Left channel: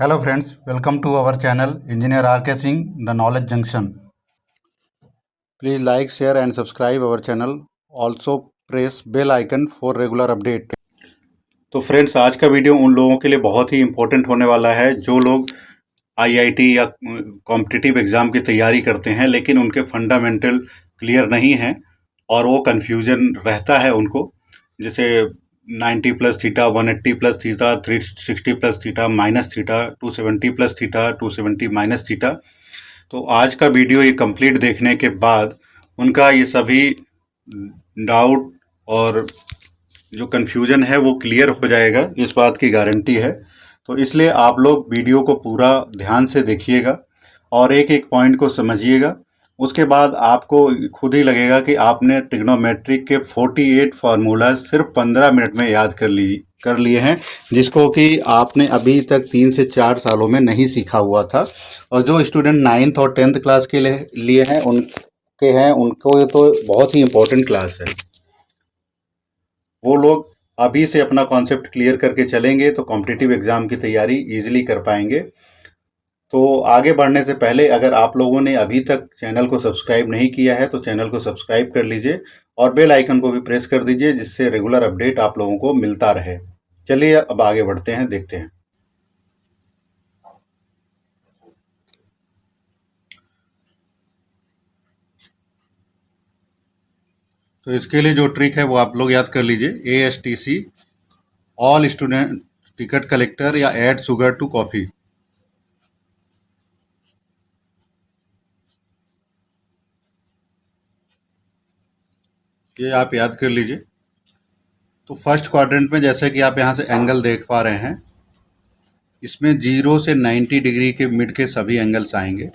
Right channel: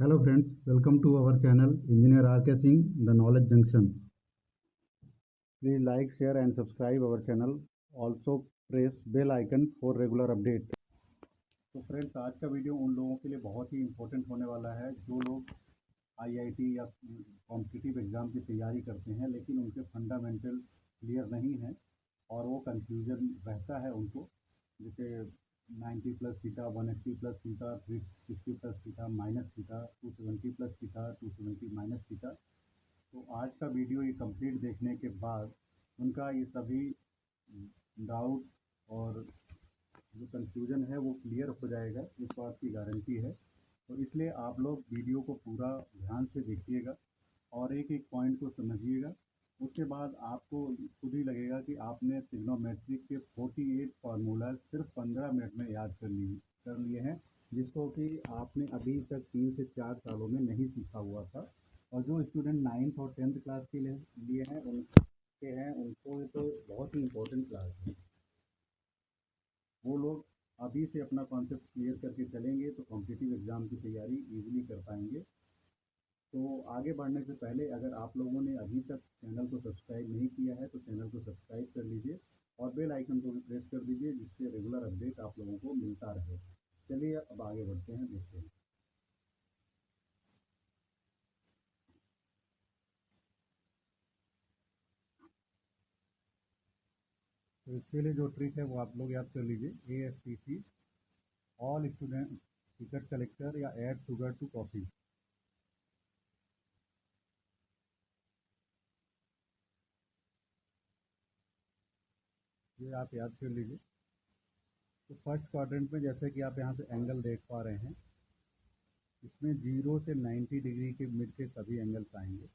Hello friends, welcome to our channel Engineer RK Singh, The Knowledge Junction. Please like, share and subscribe our channel. Also press bell icon for regular update. तो friends, आज का video उन लोगों के लिए बहुत ही important होने वाला है जो लोग आईआईटी या कॉम्पिटिटिव एग्ज़ाम की तैयारी करते हैं लेकिन उनके फंडामेंटल क्लियर नहीं हैं और वो कन्फ्यूजन रहता है उनको। जैसे 90 plus theta, 180 plus theta, 360 plus theta, minus theta, 270 plus theta, 270 minus theta. तो आज का वीडियो ये कंप्लीट देखने के बाद उनका ये सभी डाउट और जो कन्फ्यूजन है वो क्लियर हो जाएगा, इस बात की गारंटी है। तो इसलिए आप लोग वीडियो को पूरा ध्यान से देखिएगा और एक एक पॉइंट को समझिएगा। उसके बाद आपको खुद ही लगेगा कि आपने ट्रिग्नोमेट्रिक के 48 फार्मूला सिर्फ 15 मिनट में याद कर लिए हैं, जिसको कि आपने अभी तक 3 से 4 सालों में नहीं सीखा हुआ था। और जो स्टूडेंट 9th और 10th क्लास के लिए हैं उनको ये तो बहुत ही इम्पोर्टेंट क्लास है। वो लोग अभी से अपना कॉन्सेप्ट क्लियर करके चलेंगे तो कॉम्पिटिटिव एग्ज़ाम की तैयारी ईजिली कर पाएंगे। तो आगे बढ़ने से पहले अगर आप लोगों ने अभी तक चैनल को सब्सक्राइब नहीं किया है तो चैनल को सब्सक्राइब कर लीजिए और बेल आइकन को भी प्रेस कर दीजिए, जिससे रेगुलर अपडेट आप लोगों को मिलता रहे। चलिए अब आगे बढ़ते हैं, देखते हैं। तो इसके लिए जो ट्रिक है वो आप लोग याद कर लीजिए, ASTC, all student ticket collector या ऐड शुगर टू कॉफ़ी। ये आप याद कर लीजिए। तो फर्स्ट क्वाड्रेंट में जैसे कि आप यहाँ से एंगल देख पा रहे हैं, इसमें 0 से 90 डिग्री के मिड के सभी एंगल्स आएंगे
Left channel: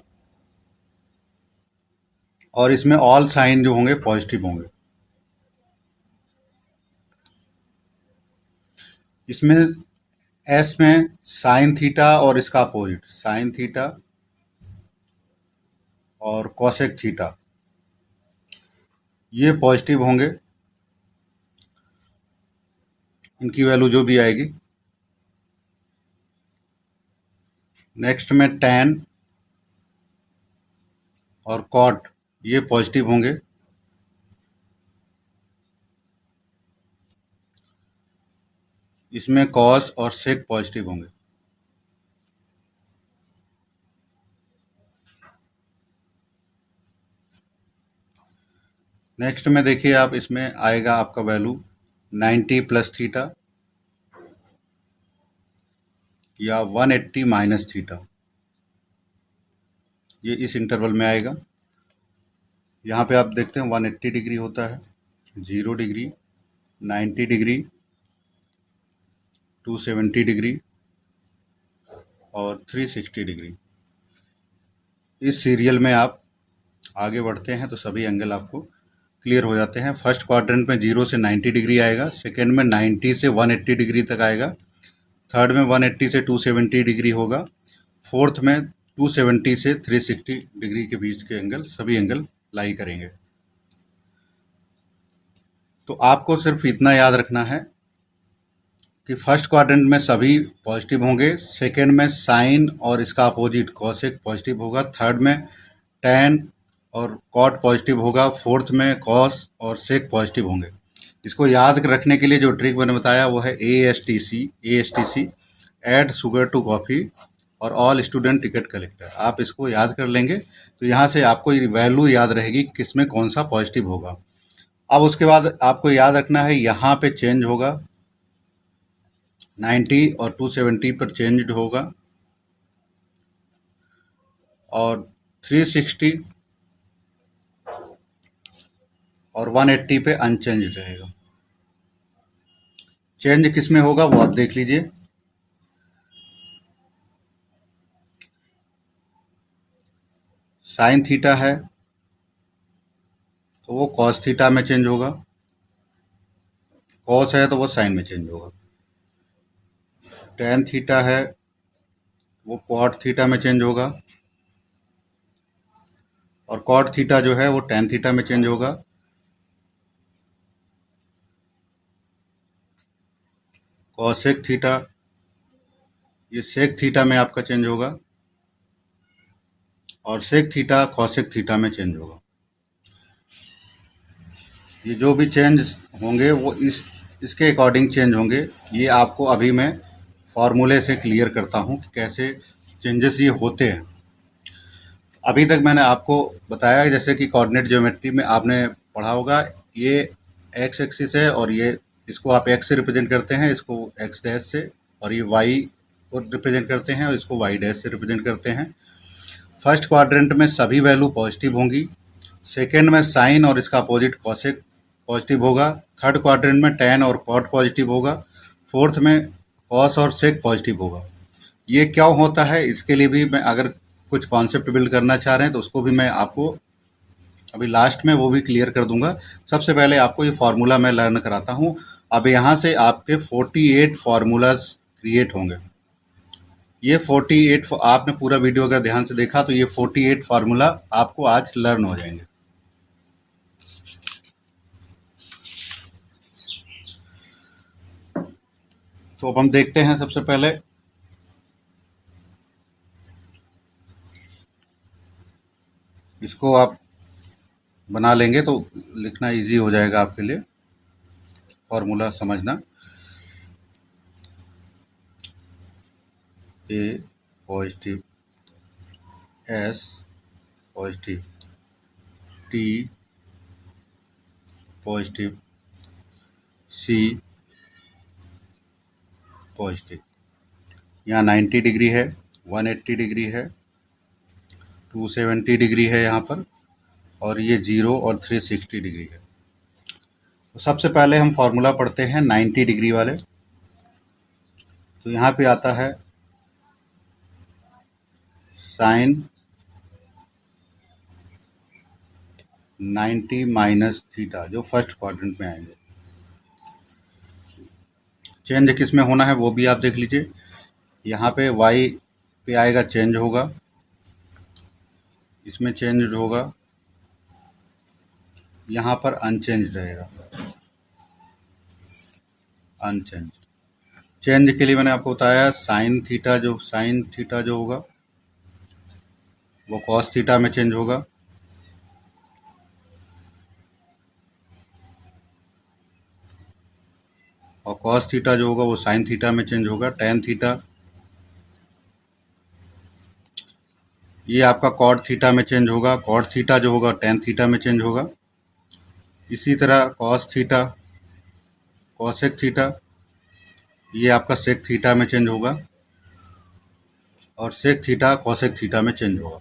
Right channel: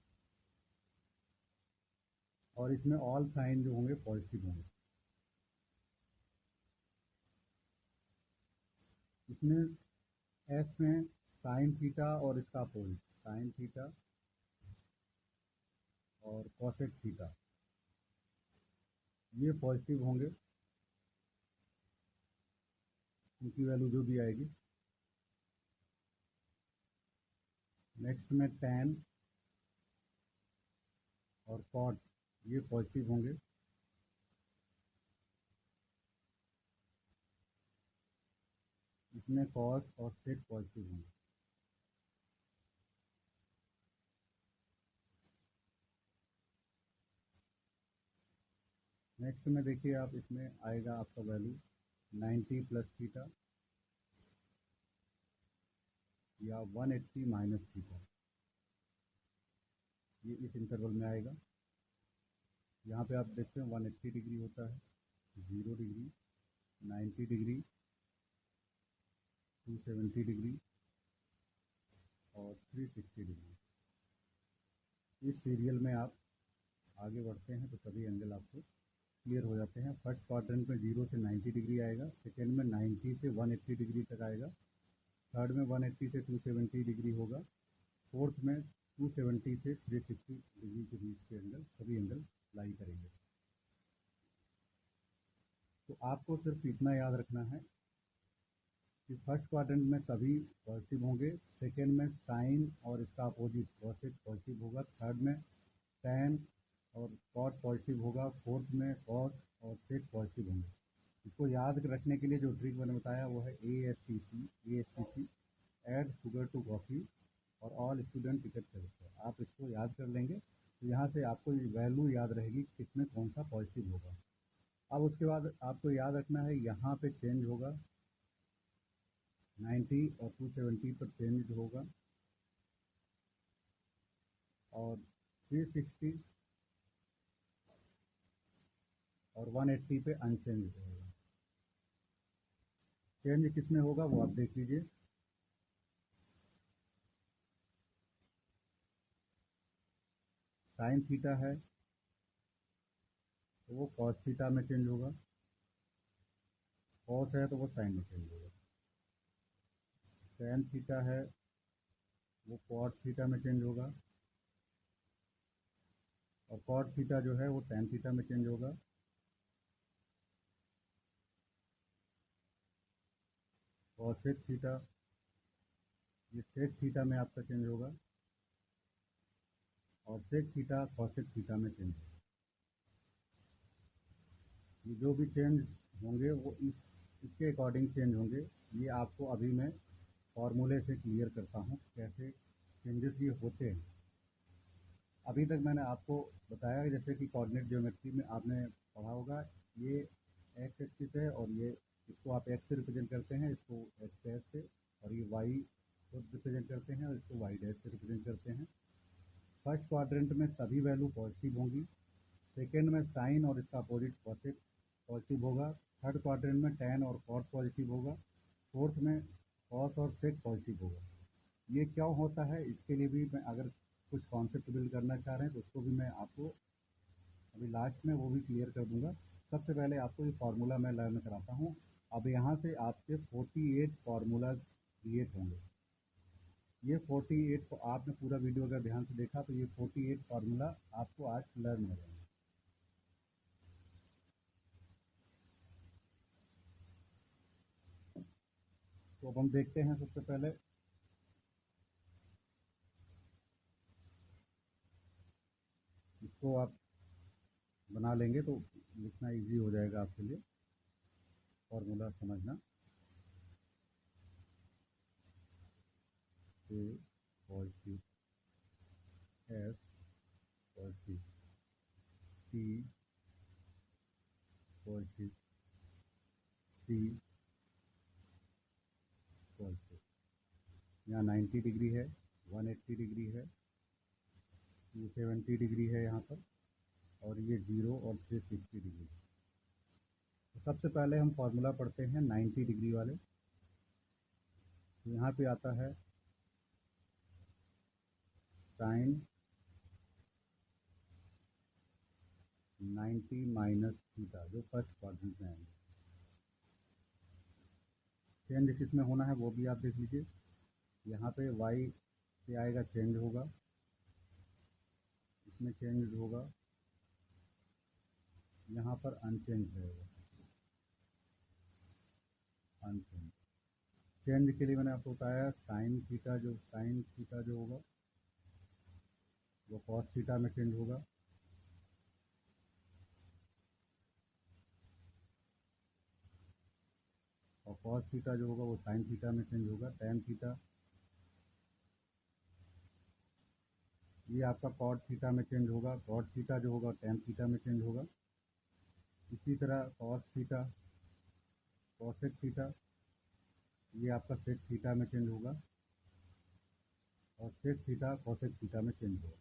और इसमें ऑल साइन जो होंगे पॉजिटिव होंगे। इसमें एस में साइन थीटा और इसका अपोजिट साइन थीटा और कोसेक थीटा ये पॉजिटिव होंगे, इनकी वैल्यू जो भी आएगी। नेक्स्ट में टैन और कॉट ये पॉजिटिव होंगे। इसमें कॉस और सेक पॉजिटिव होंगे। नेक्स्ट में देखिए आप, इसमें आएगा आपका वैल्यू 90 प्लस थीटा या 180 माइनस थीटा, ये इस इंटरवल में आएगा। यहाँ पे आप देखते हैं 180 डिग्री होता है, 0 डिग्री, 90 डिग्री, 270 डिग्री और 360 डिग्री। इस सीरियल में आप आगे बढ़ते हैं तो सभी एंगल आपको क्लियर हो जाते हैं। फर्स्ट क्वाड्रेंट में 0 से 90 डिग्री आएगा, सेकेंड में 90 से 180 डिग्री तक आएगा, थर्ड में 180 से 270 डिग्री होगा, फोर्थ में 270 से 360 डिग्री के बीच के एंगल सभी एंगल लाई करेंगे। तो आपको सिर्फ इतना याद रखना है कि फर्स्ट क्वाड्रेंट में सभी पॉजिटिव होंगे, सेकेंड में साइन और इसका अपोजिट कॉसेक पॉजिटिव होगा, थर्ड में टैन और कॉट पॉजिटिव होगा, फोर्थ में कॉस और सेक पॉजिटिव होंगे। इसको याद रखने के लिए जो ट्रिक मैंने बताया वो है ASTC, add sugar to coffee और ऑल स्टूडेंट टिकट कलेक्टर। आप इसको याद कर लेंगे तो यहाँ से आपको वैल्यू याद रहेगी किस में कौन सा पॉजिटिव होगा। अब उसके बाद आपको याद रखना है, यहाँ पे चेंज होगा 90 और 270 पर चेंज होगा और 360 और 180 पे अनचेंज रहेगा। चेंज किस में होगा वो आप देख लीजिए। साइन थीटा है तो वो कॉस थीटा में चेंज होगा, कॉस है तो वो साइन में चेंज होगा, टेन थीटा है वो कॉट थीटा में चेंज होगा और कॉट थीटा जो है वो टेन थीटा में चेंज होगा। कॉसेक थीटा ये सेक थीटा में आपका चेंज होगा और सेक थीटा कॉसेक थीटा में चेंज होगा। ये जो भी चेंज होंगे वो इसके अकॉर्डिंग चेंज होंगे। ये आपको अभी मैं फार्मूले से क्लियर करता हूँ कि कैसे चेंजेस ये होते हैं। अभी तक मैंने आपको बताया जैसे कि कोऑर्डिनेट ज्योमेट्री में आपने पढ़ा होगा, ये एक्स एक्सिस है और ये इसको आप एक्स से रिप्रेजेंट करते हैं, इसको एक्स डैश से, और ये वाई को रिप्रेजेंट करते हैं और इसको वाई डैश से रिप्रेजेंट करते हैं। फर्स्ट क्वाड्रेंट में सभी वैल्यू पॉजिटिव होंगी, सेकेंड में साइन और इसका अपोजिट कॉसेक पॉजिटिव होगा, थर्ड क्वाड्रेंट में टैन और कॉट पॉजिटिव होगा, फोर्थ में कॉस और सेक पॉजिटिव होगा। ये क्यों होता है इसके लिए भी मैं अगर कुछ कॉन्सेप्ट बिल्ड करना चाह रहे हैं तो उसको भी मैं आपको अभी लास्ट में वो भी क्लियर कर दूंगा। सबसे पहले आपको ये फार्मूला मैं लर्न कराता हूँ। अब यहाँ से आपके 48 फार्मूलाज क्रिएट होंगे। ये 48 आपने पूरा वीडियो अगर ध्यान से देखा तो ये 48 फार्मूला आपको आज लर्न हो जाएंगे। तो अब हम देखते हैं सबसे पहले इसको आप बना लेंगे तो लिखना इजी हो जाएगा आपके लिए, फार्मूला समझना। A positive, S positive, T positive, C positive. यहाँ 90 डिग्री है, 180 डिग्री है, 270 डिग्री है यहाँ पर, और ये 0 और 360 डिग्री है। तो सबसे पहले हम फार्मूला पढ़ते हैं 90 डिग्री वाले। तो यहाँ पे आता है साइन 90 माइनस थीटा, जो फर्स्ट क्वाड्रेंट में आएंगे। चेंज किस में होना है वो भी आप देख लीजिए। यहाँ पे y पे आएगा, चेंज होगा, इसमें चेंज होगा, यहाँ पर अनचेंज रहेगा, अनचेंज। चेंज के लिए मैंने आपको बताया साइन थीटा जो होगा वो कॉस थीटा में चेंज होगा, और कॉस थीटा जो होगा वो साइन थीटा में चेंज होगा। टेन थीटा ये आपका कॉट थीटा में चेंज होगा, कॉट थीटा जो होगा टेन थीटा में चेंज होगा। इसी तरह कॉस थीटा कॉसेक थीटा ये आपका सेक थीटा में चेंज होगा, और सेक थीटा कॉसेक थीटा में चेंज होगा।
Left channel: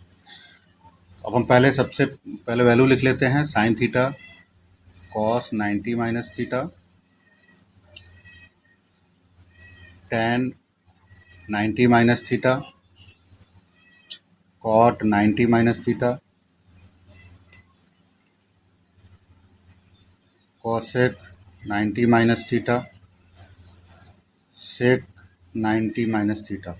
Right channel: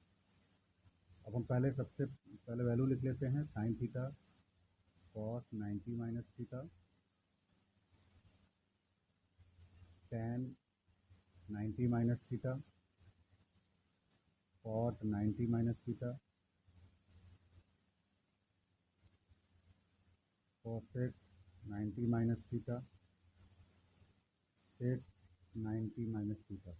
अब हम सबसे पहले वैल्यू लिख लेते हैं। Sine theta cos 90 minus theta, tan 90 minus theta, cot 90 minus theta, cosec 90 minus theta, sec 90 minus theta.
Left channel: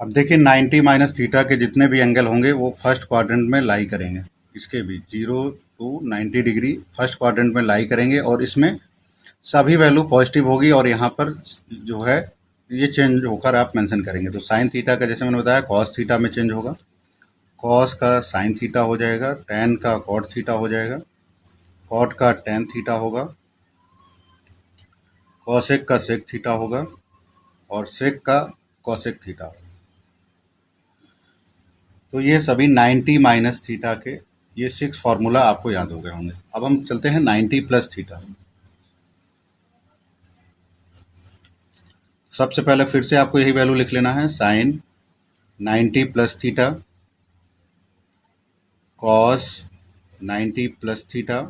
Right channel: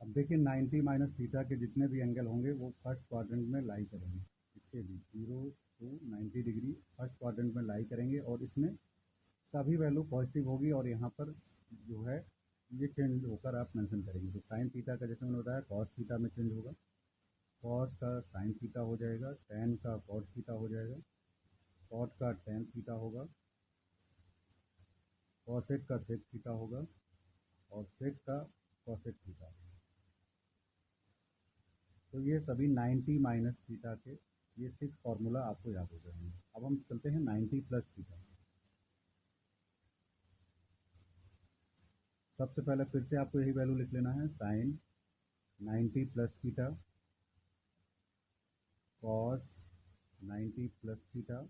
अब देखिए 90 माइनस थीटा के जितने भी एंगल होंगे वो फर्स्ट क्वाड्रेंट में लाई करेंगे। इसके भी 0 टू 90 डिग्री फर्स्ट क्वाड्रेंट में लाई करेंगे, और इसमें सभी वैल्यू पॉजिटिव होगी, और यहाँ पर जो है ये चेंज होकर आप मेंशन करेंगे। तो साइन थीटा का जैसे मैंने बताया कॉस थीटा में चेंज होगा, कॉस का साइन थीटा हो जाएगा, टेन का कॉट थीटा हो जाएगा, कॉट का टेन थीटा होगा, कॉसेक का सेक थीटा होगा, और सेक का कॉसेक थीटा होगा। तो ये सभी 90 माइनस थीटा के ये 6 फार्मूला आपको याद हो गए होंगे। अब हम चलते हैं 90 प्लस थीटा। सबसे पहले फिर से आपको यही वैल्यू लिख लेना है। Sine 90 plus theta, cos 90 plus theta,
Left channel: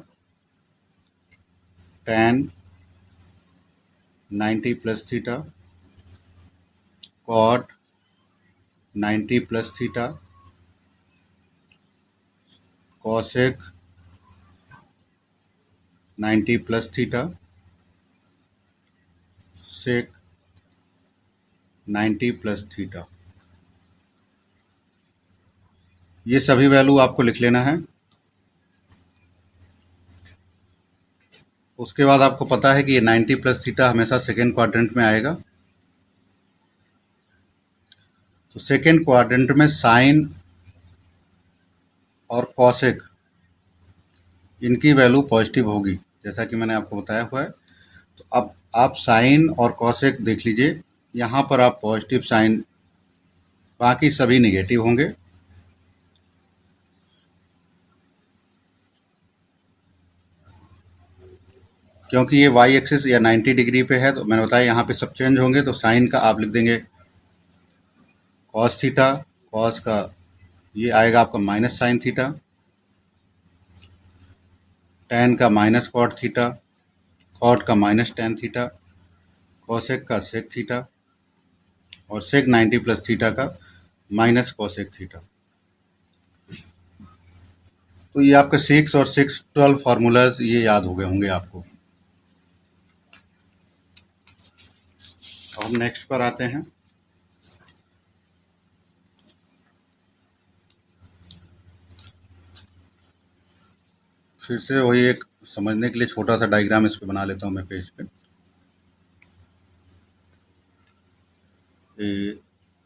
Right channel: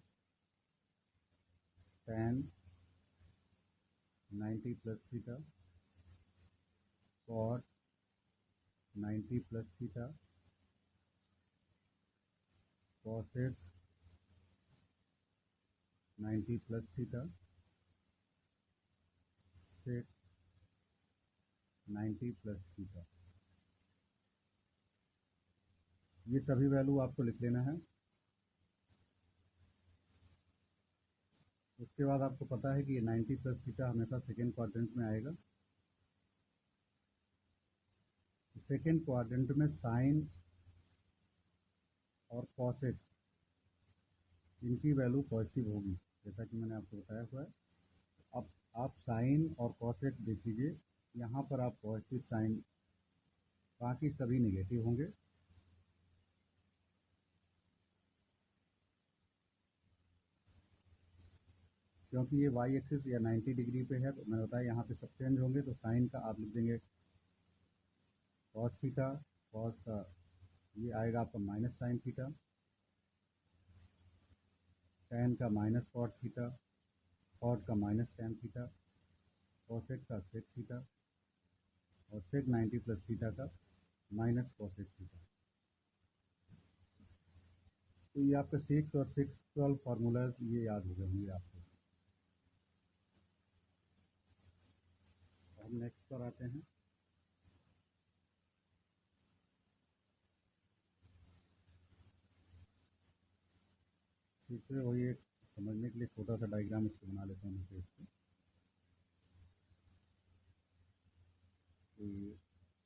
tan 90 plus theta, cot 90 plus theta, cosec 90 plus theta, sec 90 plus theta. ये सभी वैल्यू आपको लिख लेना है। उसके बाद आपको पता है कि ये 90 प्लस थीटा हमेशा सेकेंड क्वाड्रेंट में आएगा। तो सेकेंड क्वाड्रेंट में साइन और कॉसेक इनकी वैल्यू पॉजिटिव होगी, जैसा कि मैंने आपको बताया हुआ है। तो अब आप साइन और कॉसेक देख लीजिए, यहाँ पर आप पॉजिटिव साइन, बाकी सभी निगेटिव होंगे। क्योंकि ये वाई एक्सिस या 90 डिग्री पे है, तो मैंने बताया यहाँ पे सब चेंज होंगे। तो साइन का आप लिख देंगे कॉस थीटा, कॉस का ये आएगा आपका माइनस साइन थीटा, टेन का माइनस कॉट थीटा, कॉट का माइनस टेन थीटा, कॉसेक का सेक थीटा, और सेक 90 प्लस थीटा का माइनस कॉसेक थीटा। तो ये आपके 6 और 612 फार्मूलाज ये याद हो गए होंगे आपको। अब हम नेक्स्ट पर आते हैं। फिर से वही एक समझने के लिए छोटा सा डायग्राम इस पे बना लेता हूँ मैं पेज पे।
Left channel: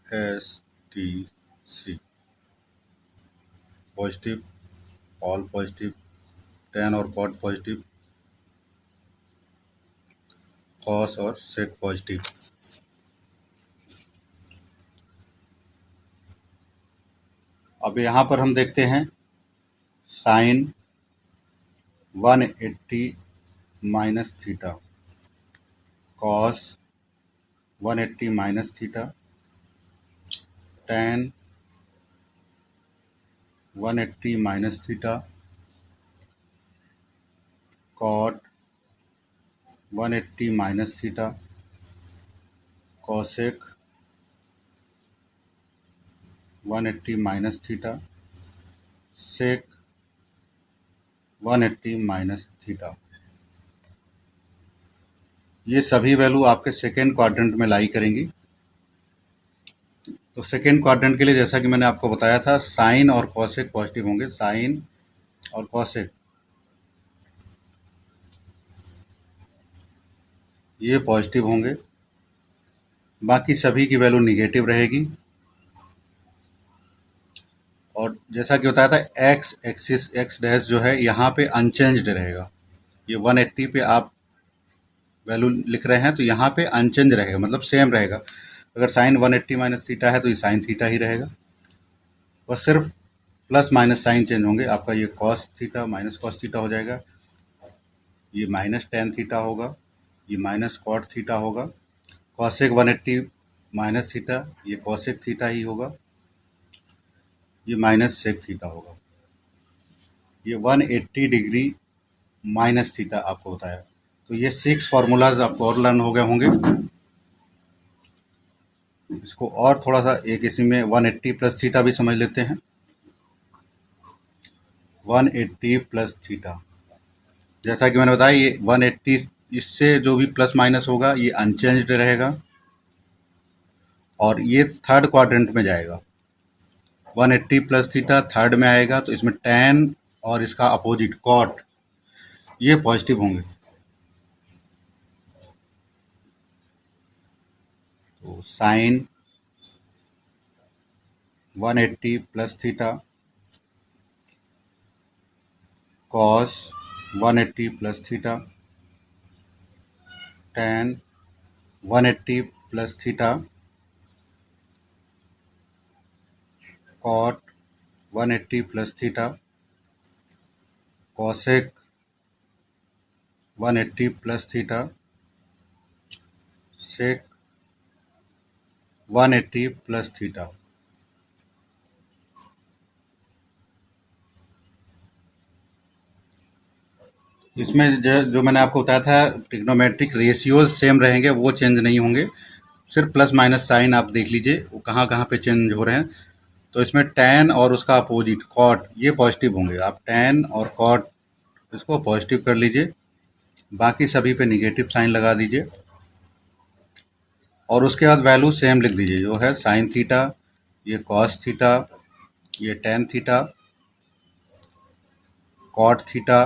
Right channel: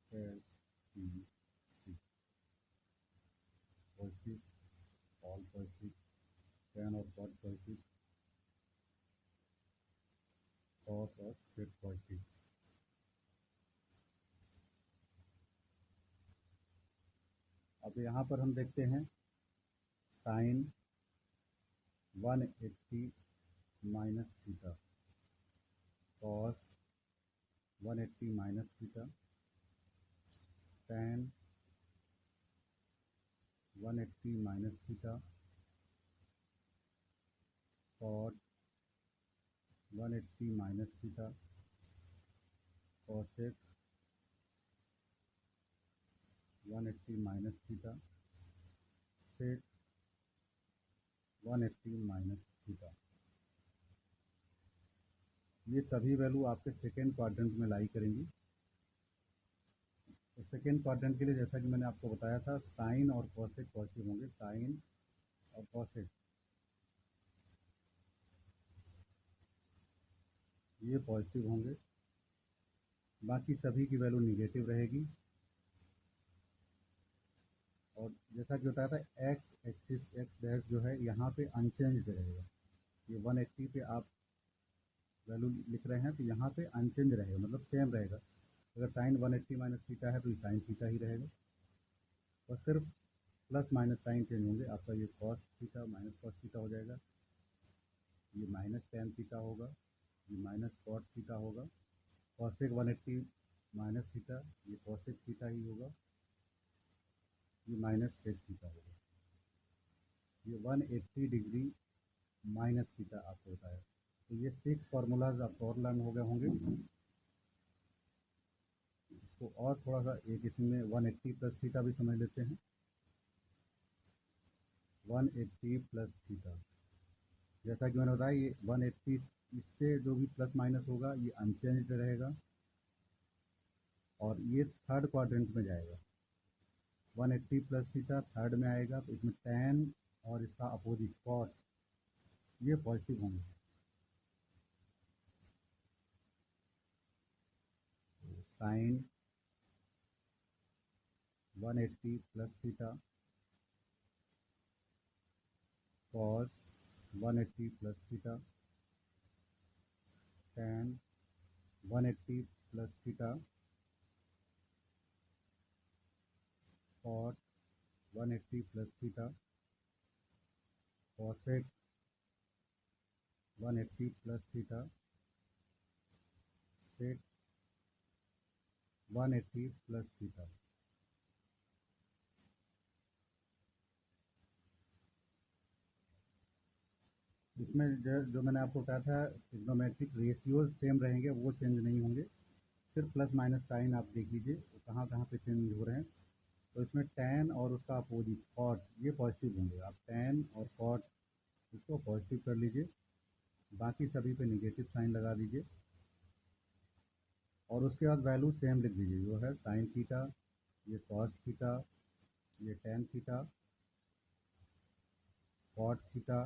ASTC positive, all positive, tan और कॉट पॉजिटिव, कॉस और सेक पॉजिटिव। अब यहाँ पर हम देखते हैं sine 180 minus theta, cos 180 minus theta, tan 180 minus theta, cot 180 minus theta, cosec 180 minus theta, sec 180 minus theta. ये सभी वैल्यू आपके सेकेंड क्वाड्रेंट में लाई करेंगी। तो सेकेंड क्वाड्रेंट के लिए जैसा कि मैंने आपको बताया था, साइन और कॉसेक पॉजिटिव होंगे, साइन और कॉसेक ये पॉजिटिव होंगे, बाकी सभी की वैल्यू निगेटिव रहेगी। और जैसा कि बताया था, एक्स एक्सिस एक्स डैश जो है यहाँ पे अनचेंज्ड रहेगा। ये 180 पे आप वैल्यू लिख रहे हैं तो यहाँ पे अनचेंज रहेगा, मतलब सेम रहेगा। अगर साइन 180 माइनस थीटा है तो ये साइन थीटा ही रहेगा, बस सिर्फ प्लस माइनस साइन चेंज होंगे। आपका ये cos theta minus cos theta हो जाएगा, ये माइनस टेन थीटा होगा, ये माइनस कॉट थीटा होगा, कॉसेक 180 माइनस थीटा ये कॉसेक थीटा ही होगा, ये माइनस सेक थीटा होगा। ये 180 डिग्री माइनस थीटा आपको बताया। तो ये 6 फार्मूलाज आपको और लर्न हो गए होंगे। इसको और थोड़ा सा एक इसी में 180 प्लस थीटा भी समझ लेते हैं। 180 प्लस थीटा, जैसा कि मैंने बताया, ये 180 इससे जो भी प्लस माइनस होगा ये अनचेंज्ड रहेगा और ये थर्ड क्वाड्रेंट में जाएगा। 180 प्लस थीटा थर्ड में आएगा, तो इसमें टेन और इसका अपोजिट कॉट ये पॉजिटिव होंगे। तो sine 180 plus theta, cos 180 plus theta, tan 180 plus theta, cot 180 plus theta, cosec 180 plus theta, sec 180 plus theta. इसमें जो मैंने आपको बताया था, ट्रिग्नोमेट्रिक रेशियोज सेम रहेंगे, वो चेंज नहीं होंगे। सिर्फ प्लस माइनस साइन आप देख लीजिए वो कहाँ कहाँ पे चेंज हो रहे हैं। तो इसमें टेन और उसका अपोजिट कॉट ये पॉजिटिव होंगे। आप टेन और कॉट इसको पॉजिटिव कर लीजिए, बाकी सभी पे निगेटिव साइन लगा दीजिए और उसके बाद वैल्यू सेम लिख दीजिए, जो है साइन थीटा ये कॉस थीटा ये tan theta, cot theta,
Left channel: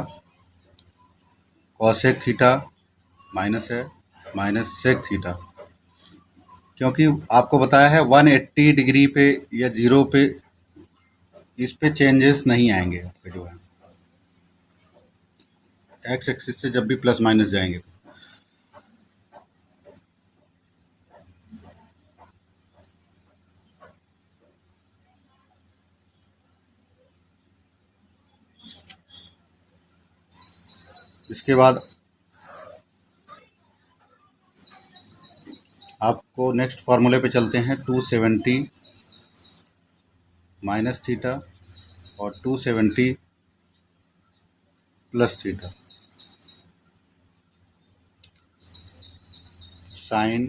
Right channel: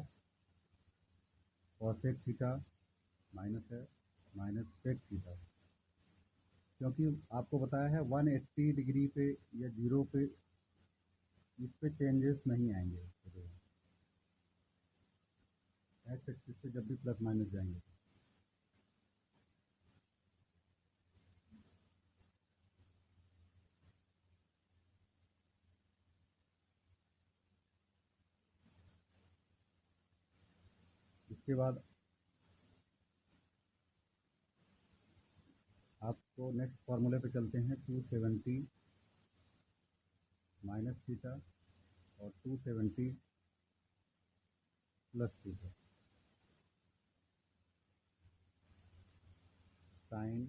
cosec theta minus है, माइनस sec थीटा। क्योंकि आपको बताया है 180 डिग्री पे या 0 पे इस पे चेंजेस नहीं आएंगे आपके जो है एक्स एक्सिस से जब भी प्लस माइनस जाएंगे तो। इसके बाद आपको नेक्स्ट फार्मूले पे चलते हैं। 270 माइनस थीटा और 270 plus theta sine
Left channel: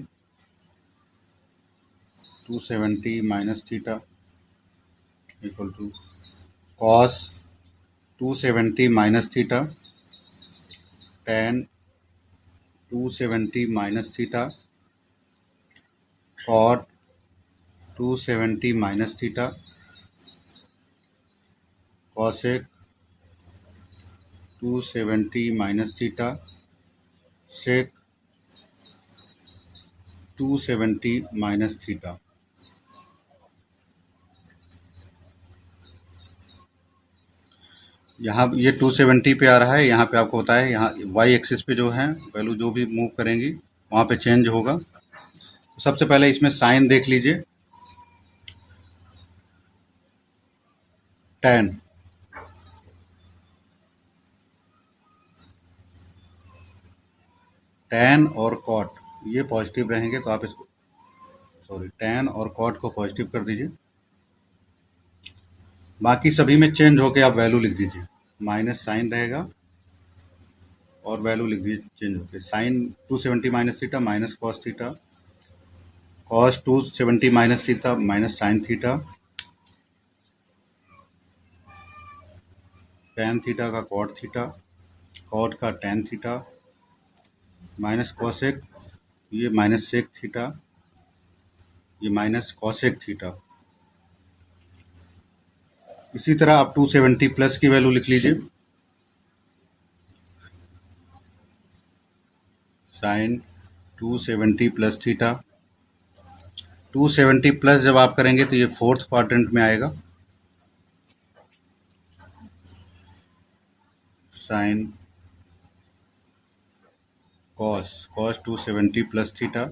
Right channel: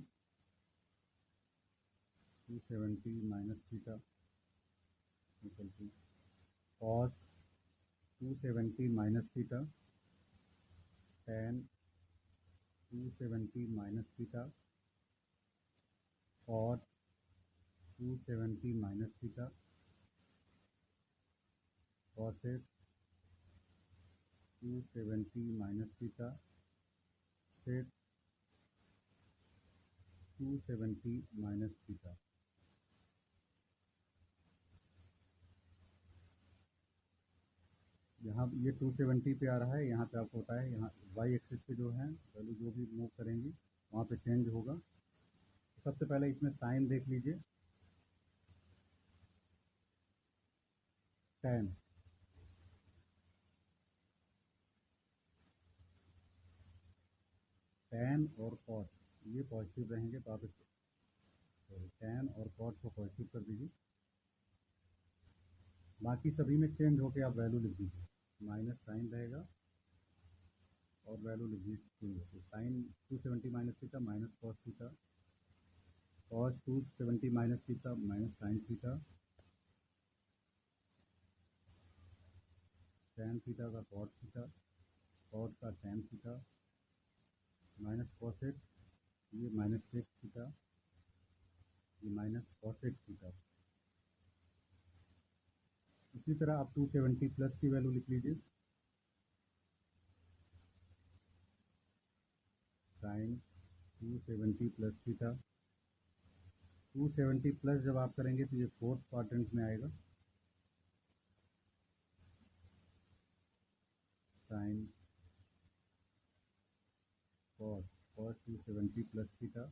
270 minus theta equal to cos 270 minus theta tan 270 minus theta cot 270 minus theta cosec 270 minus theta sec 270 minus theta. यहाँ ये 270 पे आ रहा है, यहाँ पे आपको होता है, यहाँ वाई एक्सिस पे जो है वैल्यू जो भी मूव करेंगी वहाँ पे चेंज होगा। तो सबसे पहले इसमें साइन देख लीजिए। tan tan और cot ये पॉजिटिव रहेंगे तो आप इसको tan और cot को पॉजिटिव कर दीजिए। बाकी सभी में चेंज होके आप वैल्यू लिख दीजिए। माइनस साइन रहेगा और वैल्यू लिख दीजिए चेंज होके। Sine 270 minus theta minus cos theta, cos 270 minus theta minus sine theta, tan theta का कॉट थीटा, कॉट का tan थीटा माइनस कॉसेक, ये माइनस सेक थीटा, ये माइनस कॉसेक थीटा। इसी तरह आप 270 प्लस की वैल्यू लिख लीजिए। साइन 270 प्लस थीटा, 270 प्लस जब आप करेंगे तो ये फोर्थ क्वाड्रेंट में आएगा। Sine cos 270 plus theta,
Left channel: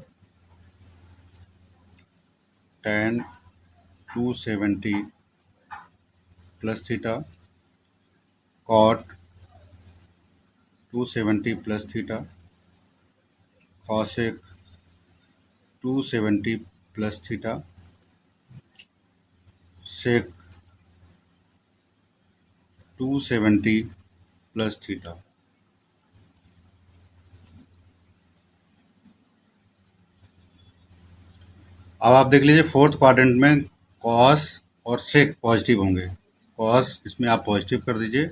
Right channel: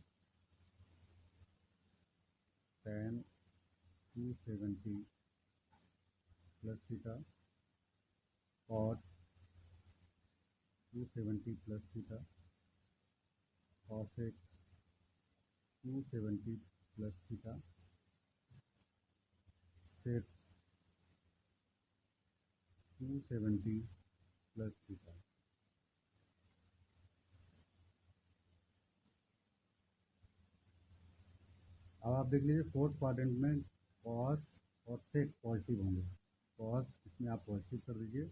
tan 270 plus theta, cot 270 plus theta, cosec 270 plus theta, sec 270 plus theta. अब आप देख लीजिए फोर्थ क्वाड्रेंट में कॉस और सेक पॉजिटिव होंगे। कॉस इसमें आप पॉजिटिव कर दीजिए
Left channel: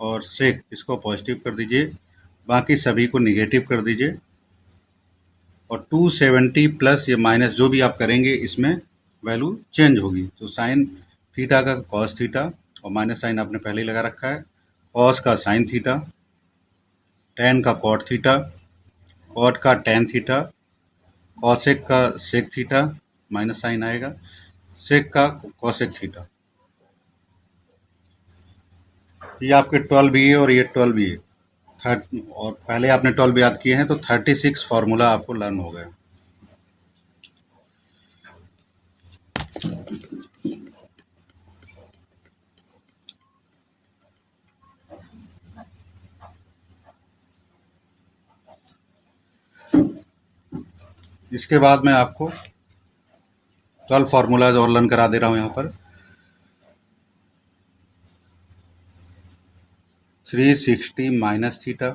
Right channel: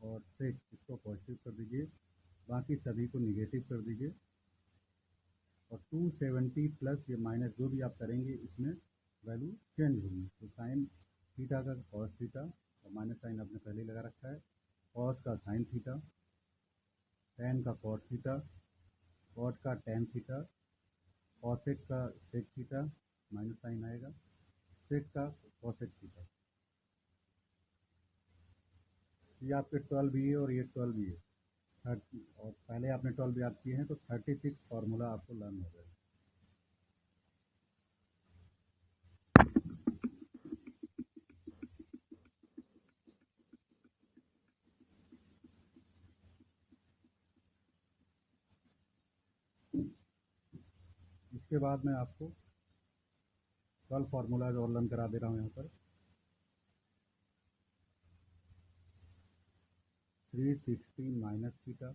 और सेक इसको पॉजिटिव कर दीजिए, बाकी सभी को निगेटिव कर दीजिए। और 270 प्लस या माइनस जो भी आप करेंगे इसमें वैल्यू चेंज होगी। तो साइन थीटा का कॉस थीटा और माइनस साइन आपने पहले ही लगा रखा है, कॉस का साइन थीटा, tan का कॉट थीटा, कॉट का tan थीटा, कॉसेक का सेक थीटा माइनस साइन आएगा, सेक का कॉसेक थीटा। ये आपके 12 भी है और ये 12 भी है। और पहले आपने 12 याद किए हैं तो 36 फार्मूला आपको लर्न हो गया। इसके बाद मैं आपको 12 फार्मूलाज और लर्न करा दे रहा हूँ यहाँ पर। 360 माइनस थीटा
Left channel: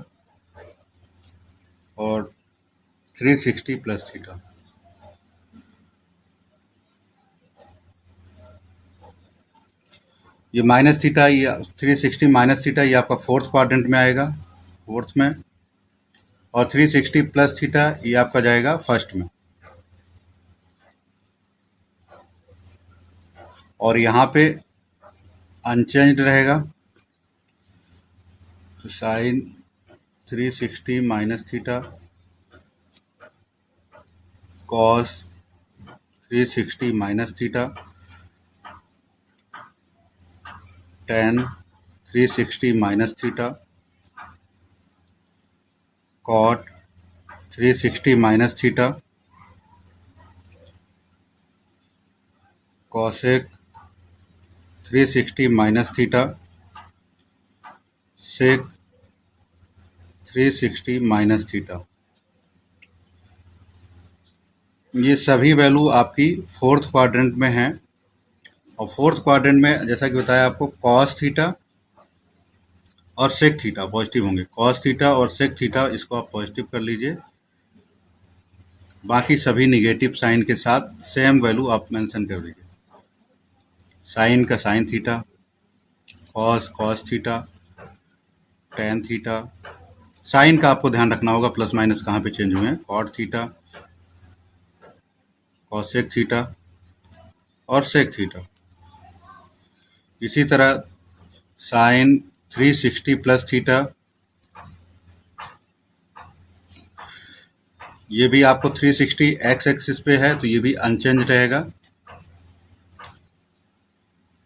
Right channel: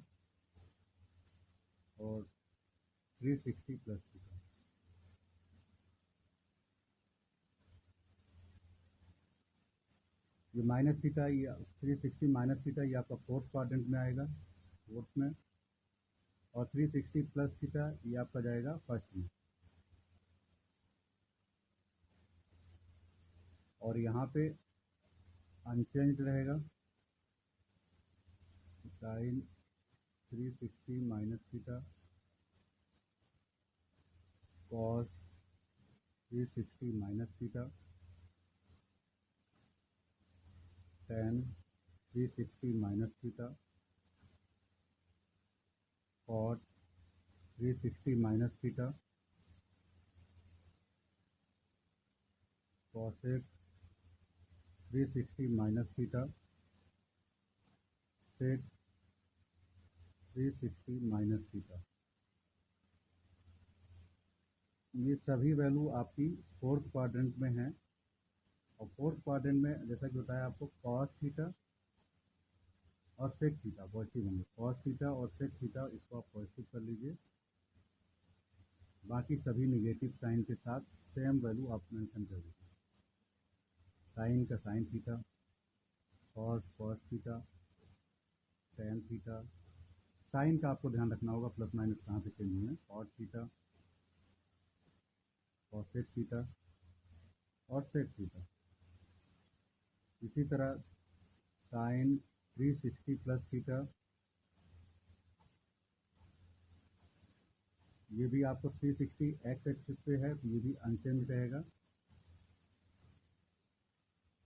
और 360 प्लस थीटा। ये माइनस थीटा, ये 360 माइनस थीटा ये आपका फोर्थ क्वाड्रेंट में आएगा, फोर्थ में। और 360 प्लस थीटा ये आपका जाएगा फर्स्ट में। और यहाँ पे अनचेंज्ड रहेगा। तो sine 360 minus theta, cos 360 minus theta, tan 360 minus theta, cot 360 minus theta, cosec 360 minus theta, sec 360 minus theta. ये सभी वैल्यू आपकी फोर्थ क्वाड्रेंट में हैं। और फोर्थ क्वाड्रेंट में जैसा कि बताया आपको, कॉस थीटा और सेक थीटा पॉजिटिव होंगे। कॉस थीटा और सेक थीटा इसको आप पॉजिटिव कर लीजिए। बाकी सभी निगेटिव साइन के साथ सेम वैल्यू आप मेंशन कर दीजिए। साइन का sine theta, cos cos theta, tan theta. Sine का आपको ध्यान रखना होगा प्लस माइनस कहाँ पे चेंज हुए हैं। कॉट थीटा, कॉसेक थीटा और सेक थीटा। इसी तरह साइन 360 प्लस थीटा, ये भी आपको 360 एक्स एक्सिस पे है तो ये भी अनचेंज रहेगा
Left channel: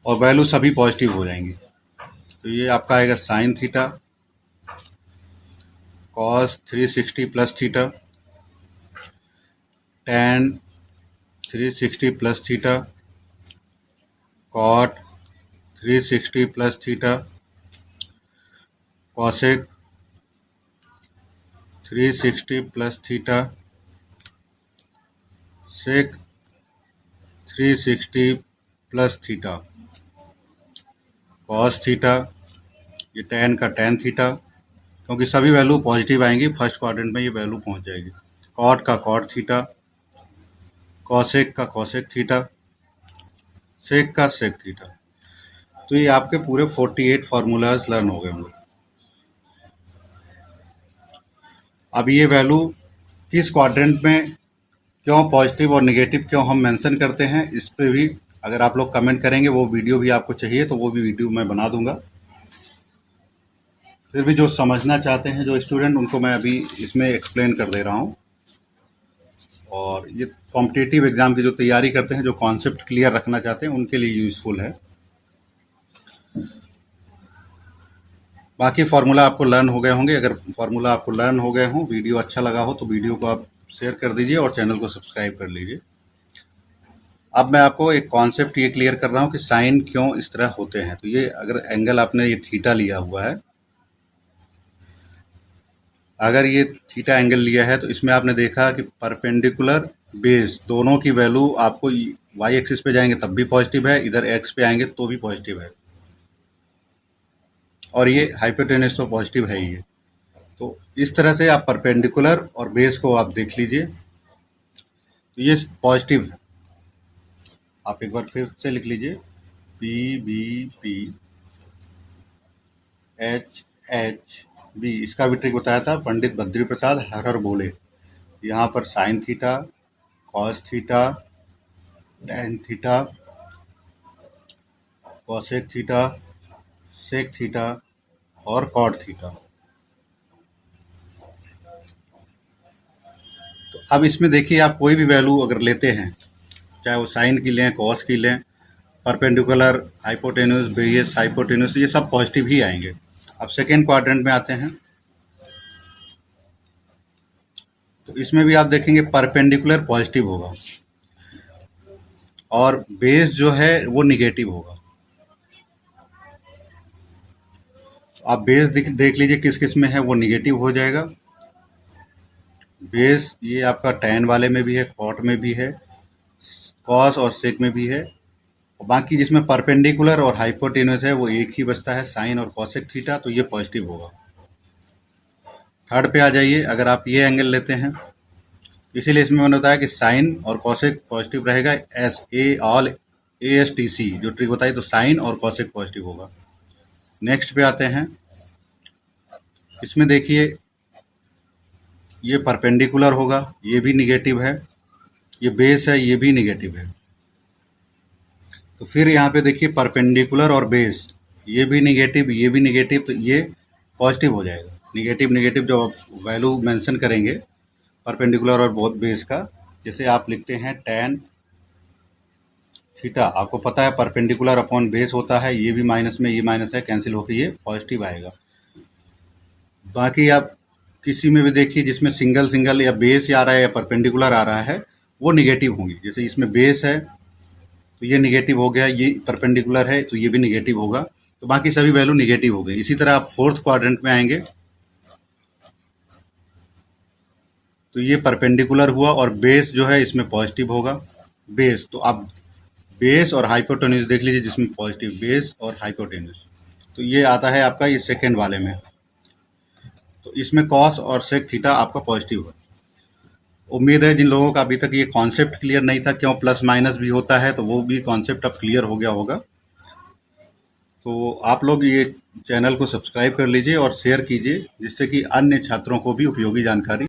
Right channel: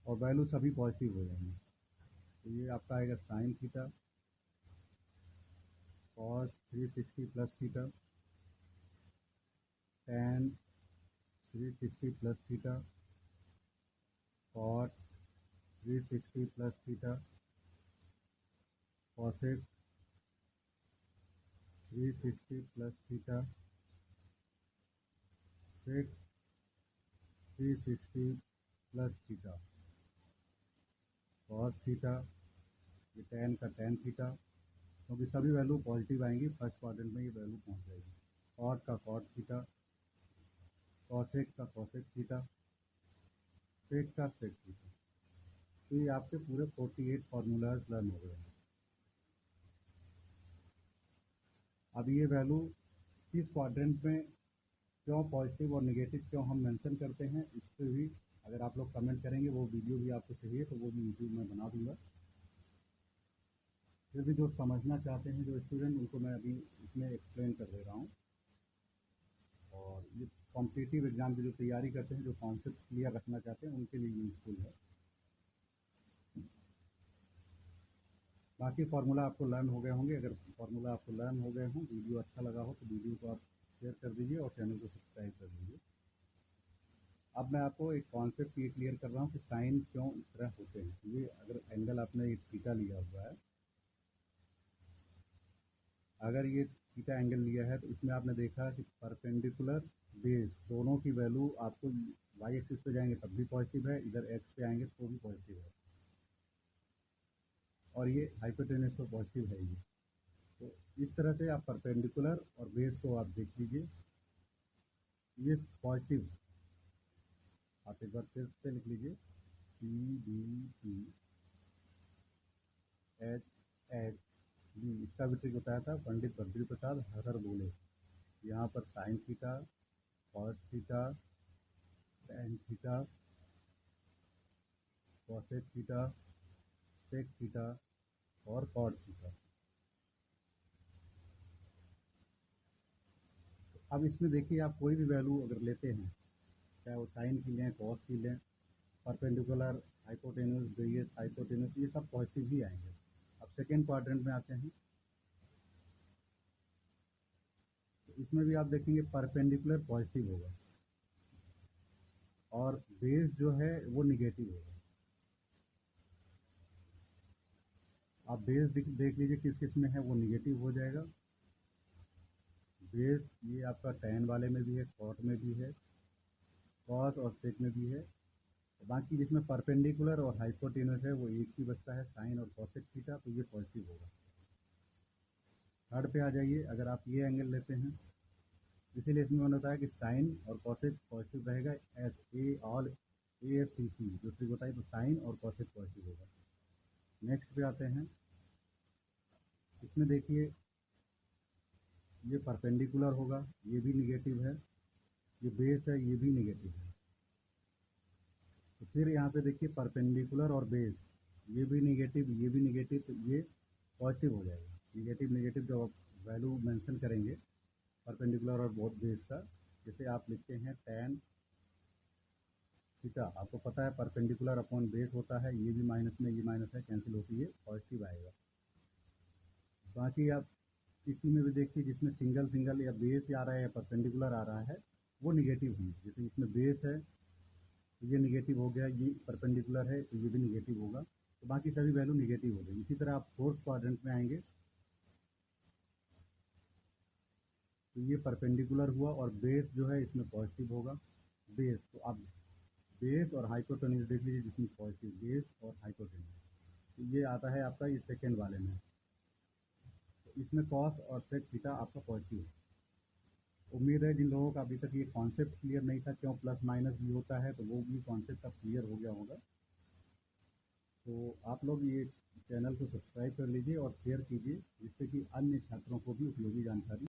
और वैल्यू सभी पॉजिटिव हो जाएंगी। तो ये आपका आएगा sine theta, cos 360 plus theta, tan 360 plus theta, cot 360 plus theta, cosec 360 plus theta, sec 360 plus theta, cos theta, ये टेन का टेन थीटा, क्योंकि सभी वैल्यू पॉजिटिव आएंगी फर्स्ट क्वाड्रेंट में, ये वैल्यू पहुंच जाएगी। कॉट का कॉट थीटा, कॉसेक का कॉसेक थीटा, सेक का सेक थीटा। तो ये आपके पूरे 48 फार्मूलाज लर्न हो गए होंगे। अब ये वैल्यू किस क्वाड्रेंट में क्यों पॉजिटिव और नेगेटिव क्यों हम मेंशन करते हैं, इस पे भी अगर आप लोग कमेंट करेंगे, वो वीडियो भी आपको चाहिए तो वो भी वीडियो मैं बना दूंगा। फिर भी जो समझना चाहते हैं जो स्टूडेंट, उनको मैं अभी इसमें एक्सप्लेन कर दे रहा हूँ। और ये कॉम्पिटिटिव एग्ज़ाम की जो तैयारी करते हैं, जो कॉन्सेप्ट क्लियर रखना चाहते हैं, उनके लिए यूज़फुल है। बाकी फार्मूला आपको लर्न हो गए होंगे। अगर फार्मूला आपको लर्न हो गए हों, वीडियो अच्छा लगा हो तो वीडियो को आप शेयर कर दीजिए और चैनल को सब्सक्राइब कर लीजिए। अब मैं आपको एक कॉन्सेप्ट ये क्लियर कर रहा हूँ कि साइन क्यों इस तरह होते हैं। तो ये अगर एंगल आपने ये थीटा लिया हुआ है, अगर ये थीटा एंगल लिया है तो इसमें आपने देखा कि परपेंडिकुलर बेस दोनों की वैल्यू आपको वाई एक्सिस पे जाएंगे तब भी पॉजिटिव है, इधर एक्स पे आएंगे तो भी पॉजिटिव है, और ये हाइपोटेनस तो पॉजिटिव है ही है। तो इस तरह से आप परपेंडिकुलर और बेस को आप देख लीजिए, तो ये पॉजिटिव है। आप एक बार फिर से लिख लीजिए, P B P H H B. इसका भी ट्रिक बताया था पंडित बद्री प्रसाद हर बोले। यहाँ पर sine theta, cos theta, tan theta, cosec theta, sec theta और कॉट थीटा। तो अब इसमें देखिए, आप कोई भी वैल्यू अगर लेते हैं, चाहे वो साइन की लें, कॉस की लें, परपेंडिकुलर, हाइपोटेन्यूस, बेस हाइपोटेन्यूस, ये सब पॉजिटिव ही आएंगे। अब सेकेंड क्वाड्रेंट में आते हैं, तो इसमें भी आप देखेंगे परपेंडिकुलर पॉजिटिव होगा और बेस जो है वो निगेटिव होगा। आप बेस देख लीजिए किस किस में है, वो निगेटिव हो जाएगा। बेस ये आपका टैन वाले में भी है, कॉट में भी है, कॉस और सेक में भी है। और बाकी जिसमें परपेंडिकुलर और हाइपोटेन्यूस है वो एक ही बचता है, साइन और कॉसेक थीटा, तो ये पॉजिटिव होगा। थर्ड पे आ जाइए, अगर आप ये एंगल लेते हैं, इसीलिए इसमें मैंने बताया कि साइन और कॉसेक पॉजिटिव रहेगा। S A all A S T C जो ट्रिक बताई, तो साइन और कॉसेक पॉजिटिव होगा। नेक्स्ट पे आते हैं, इसमें देखिए ये परपेंडिकुलर होगा, ये भी निगेटिव है। ये बेस है, ये भी निगेटिव है। तो फिर यहाँ पे देखिए परपेंडिकुलर और बेस, ये भी निगेटिव, ये भी निगेटिव, तो ये पॉजिटिव हो जाएगा। निगेटिव निगेटिव जब आप वैल्यू मेंशन करेंगे परपेंडिकुलर और बहुत बेस का, जैसे आप लिखते हैं tan थीटा, आपको पता है परपेंडिकुलर अपॉन बेस होता है, ये भी माइनस में ये माइनस है, कैंसिल होकर ये पॉजिटिव आएगा। बाकी आप किसी में भी देखिए जिसमें सिंगल सिंगल या बेस आ रहा है या परपेंडिकुलर आ रहा है, वो निगेटिव होंगी। जैसे इसमें बेस है तो ये निगेटिव हो गया, ये परपेंडिकुलर है तो ये भी निगेटिव होगा, तो बाकी सभी वैल्यू निगेटिव हो गई। इसी तरह आप फोर्थ क्वाड्रेंट में आएंगे तो ये परपेंडिकुलर हुआ और बेस जो है इसमें पॉजिटिव होगा। बेस तो आप बेस और हाइपोटेन्यूज देख लीजिए, जिसमें पॉजिटिव बेस और हाइपोटेन्यूज, तो ये आता है आपका ये सेकेंड वाले में। तो इसमें कॉस और सेक थीटा आपका पॉजिटिव है। उम्मीद है जिन लोगों का अभी तक ये कॉन्सेप्ट क्लियर नहीं था क्यों प्लस माइनस भी होता है, तो वो भी कॉन्सेप्ट अब क्लियर हो गया होगा। तो आप लोग ये चैनल को सब्सक्राइब कर लीजिए और शेयर कीजिए, जिससे कि अन्य छात्रों को भी उपयोगी जानकारी